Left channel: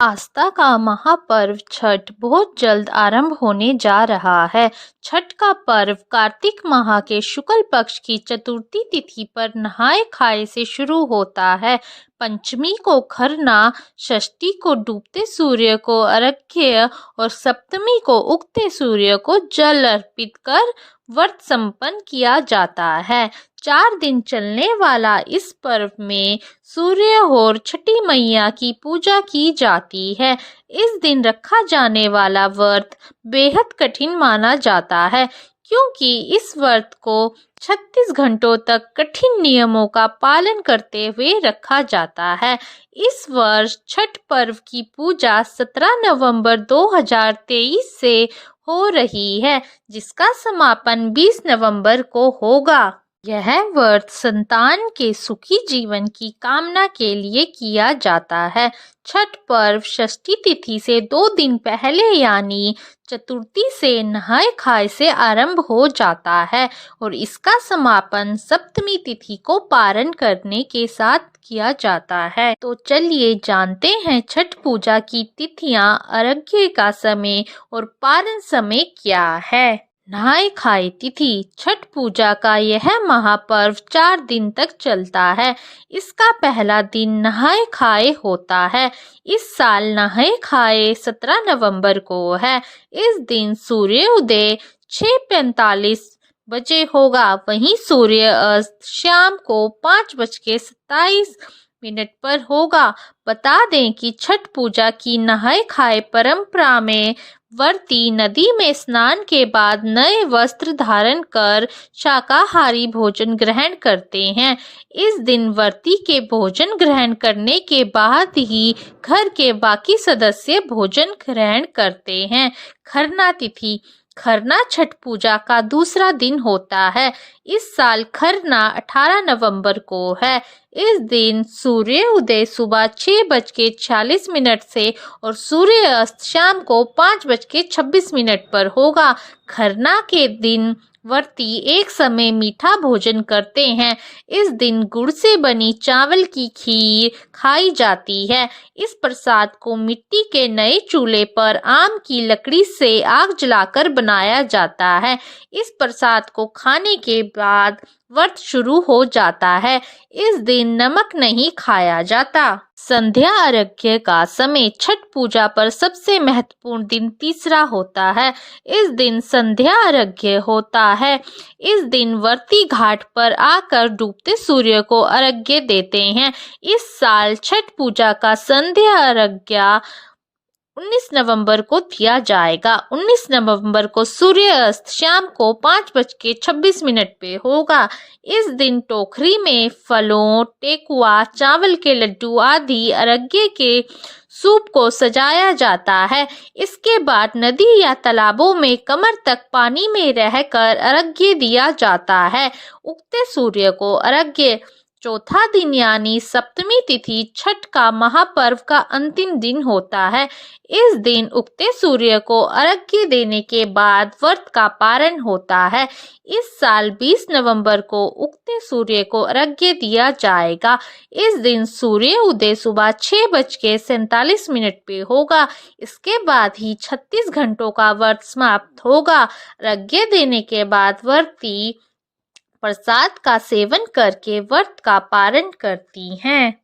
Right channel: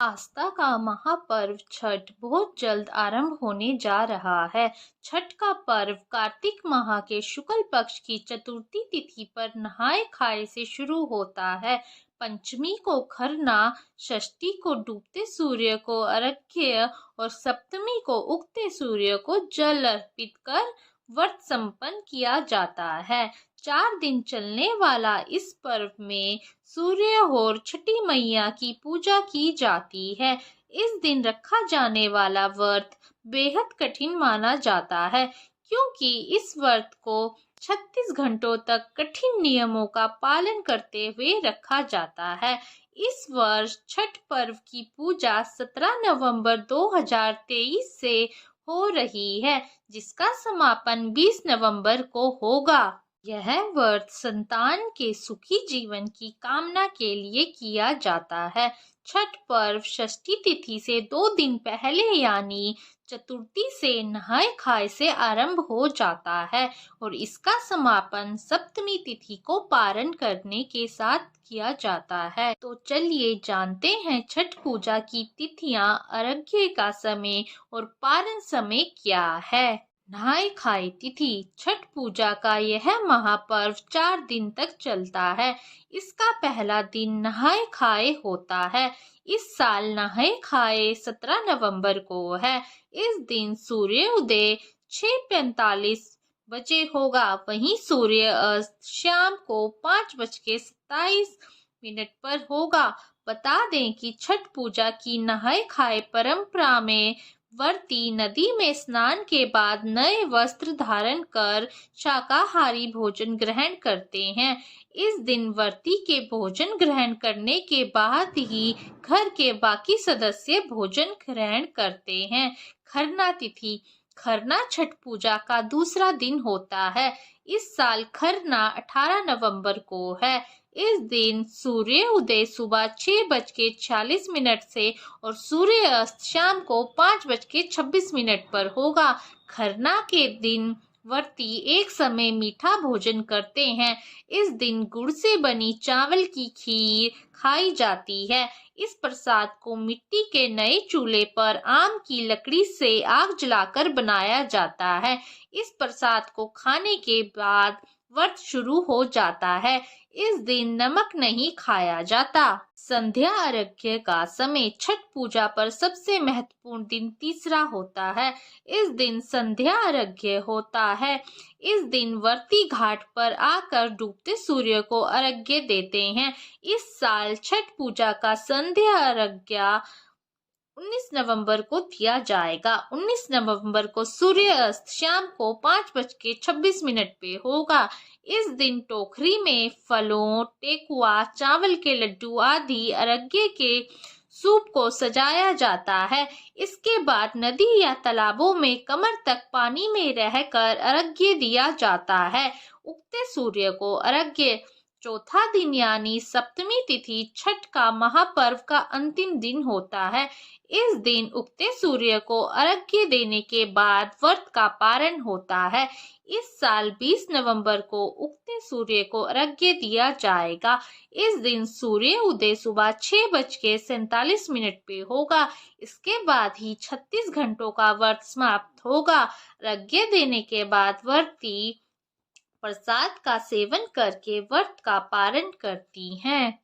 आस्था का महापर्व छठ बहुत जल्द आरंभ होने जा रहा है। छठ का पर्व कार्तिक माह के शुक्ल पक्ष की चतुर्थी तिथि पर नहाय खाए से शुरू होता है। पंचमी को खरना, षष्ठी को डूबते सूर्य को अर्घ्य और सप्तमी को उगते सूर्य को जल अर्पित कर व्रत संपन्न किया जाता है। 4 दिन चलने वाला इस पर्व में सूर्य और छठी मैया की पूजा की जाती है। इस दिन रखा जाने वाला व्रत बेहद कठिन माना जाता है, क्योंकि इस व्रत को 36 घंटों तक कठिन नियमों का पालन करते हुए रखा जाता है। इस वर्ष छठ पर्व की पूजा 17 नवंबर 2023 से हो रही है, जिसका समापन 20 नवंबर को होगा। यह व्रत संतान के सुखी जीवन की कामना के लिए किया जाता है। छठ पर्व षष्ठी तिथि से 2 दिन पहले यानी चतुर्थी से नहाय खाए से आरंभ हो जाता है और इसका समापन सप्तमी तिथि को पारण करने के साथ किया जाता है। तो चलिए जानते हैं छठ पूजा की तिथियां, अर्घ्य का समय और पारण समय क्या है। नहाय खाए तिथि। छठ पूजा का यह महापर्व 4 दिन तक चलता है। इसका पहला दिन नहाय खाए होता है। इस साल नहाय खाए 17 नवंबर को है। इस दिन सूर्य उदय 6:45 बजे होगा। वहीं सूर्य अस्त शाम को 5:27 पर होगा। बता दें कि छठ पूजा की नहाय खाए परंपरा में व्रती नदी में स्नान के बाद नए वस्त्र धारण कर शाकाहारी भोजन ग्रहण करते हैं। इस दिन व्रती के भोजन ग्रहण करने के बाद ही घर के बाकी सदस्य भोजन ग्रहण करते हैं। खरना तिथि। खरना छठ पूजा का दूसरा दिन होता है। इस साल खरना 18 नवंबर को है। इस दिन सूर्य उदय सुबह 6:46 से और सूर्य अस्त शाम को 5:26 पर होगा। खरना के दिन व्रती एक समय मीठा भोजन करते हैं। इस दिन गुड़ से बनी चावल की खीर खाई जाती है। इस प्रसाद को मिट्टी के नए चूल्हे पर आम की लकड़ी से आग जलाकर बनाया जाता है। इस प्रसाद को खाने के बाद व्रत शुरू हो जाता है। इस दिन नमक नहीं खाया जाता। संध्या अर्घ्य का समय। छठ पूजा पर सबसे महत्वपूर्ण दिन तीसरा होता है। इस दिन संध्या अर्घ्य होता है। इस दिन व्रती घाट पर आकर डूबते सूर्य को अर्घ्य देते हैं। इस साल छठ पूजा का संध्या अर्घ्य 19 नवंबर को दिया जाएगा। 19 नवंबर को सूर्य अस्त शाम को 5:26 पे होगा। इस दिन टोकरी में फलों, ठेकुआ, चावल के लड्डू आदि अर्घ्य के सूप को सजाया जाता है। इसके बाद नदी या तालाबों में कमर तक पानी में रहकर अर्घ्य दिया जाता है। उगते सूर्य को अर्घ्य। चौथा दिन यानी सप्तमी तिथि छठ का महापर्व का अंतिम दिन होता है। इस दिन उगते सूर्य को अर्घ्य देने के बाद व्रत का पारण होता है। इस साल 20 नवंबर को उगते सूर्य को अर्घ्य दिया जाएगा। इस दिन सूर्य उदय सुबह 6:47 पे होगा। इसके बाद ही 36 घंटों का व्रत समाप्त होगा। अर्घ्य देने के बाद व्रती प्रसाद का सेवन करके व्रत का पारण करती हैं।